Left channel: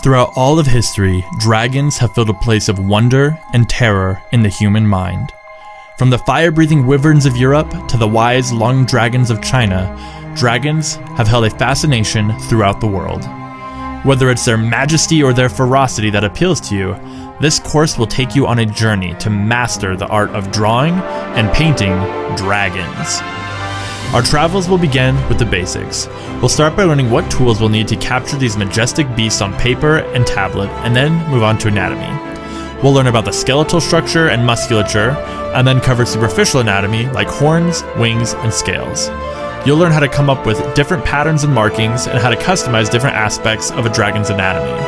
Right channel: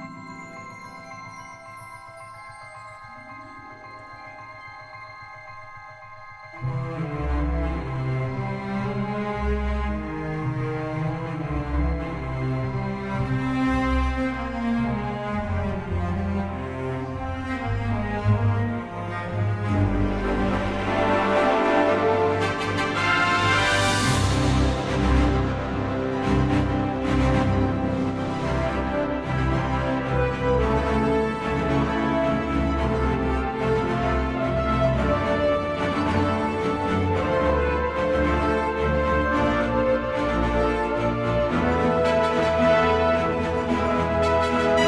Throughout all of history, dragons have filled a place of wonder and terror in the human mind. From the fire-breathing wyverns of Europe to the wise long dragons of China, dragons have held a fascination throughout the world. Whether it's their majesty or their ferocity that appeals to you, this course will take you on a journey to master the art of drawing and painting dragons. Our travels will begin with the basics. We'll start by learning what tools we'll need to capture these majestic beasts on paper and tablet, and then move on to anatomy. We'll learn about the skeletal structure and musculature, and then cover superficial anatomy like horns, wings, and scales. You'll learn how to come up with different patterns and markings, and how to customize different aspects of a dragon's anatomy.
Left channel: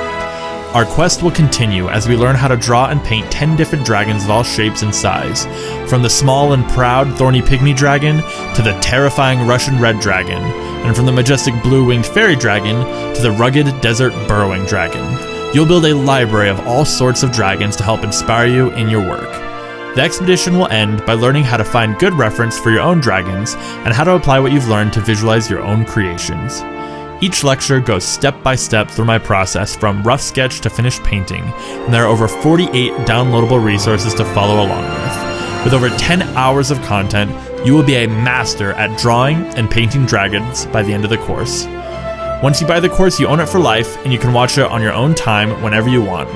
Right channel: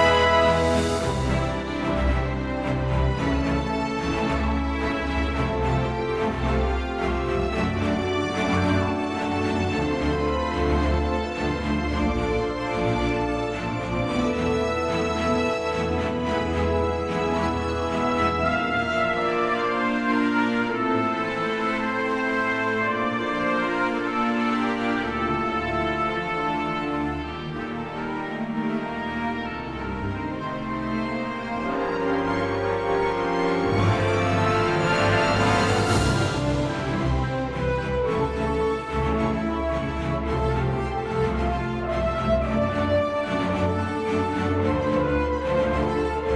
Our quest will continue as we learn how to draw and paint 10 different dragons of all shapes and size, from the small and proud thorny pygmy dragon to the terrifying Russian red dragon, and from the majestic blue-winged fairy dragon to the rugged desert burrowing dragon. You'll build a library of all sorts of dragons to help inspire you in your work. The expedition will end by learning how to find good reference for your own dragons and how to apply what you've learned to visualize your own creations. Each lecture goes step by step through my process from rough sketch to finished painting, and there are over 48 downloadable resources to follow along with. With over 10 hours of content, you will be a master at drawing and painting dragons by the end of the course. Once you buy the course, you own it for life, and you can watch it on your own time whenever you want.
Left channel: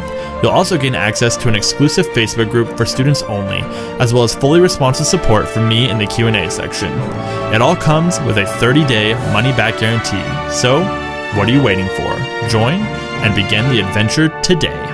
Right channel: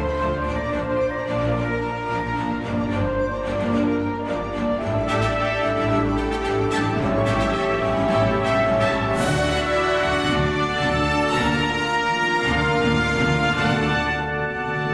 You'll also gain access to an exclusive Facebook group for students only, as well as fully responsive support from me in the Q&A section. It all comes with a 30-day money-back guarantee. So, what are you waiting for? Join and begin the adventure today.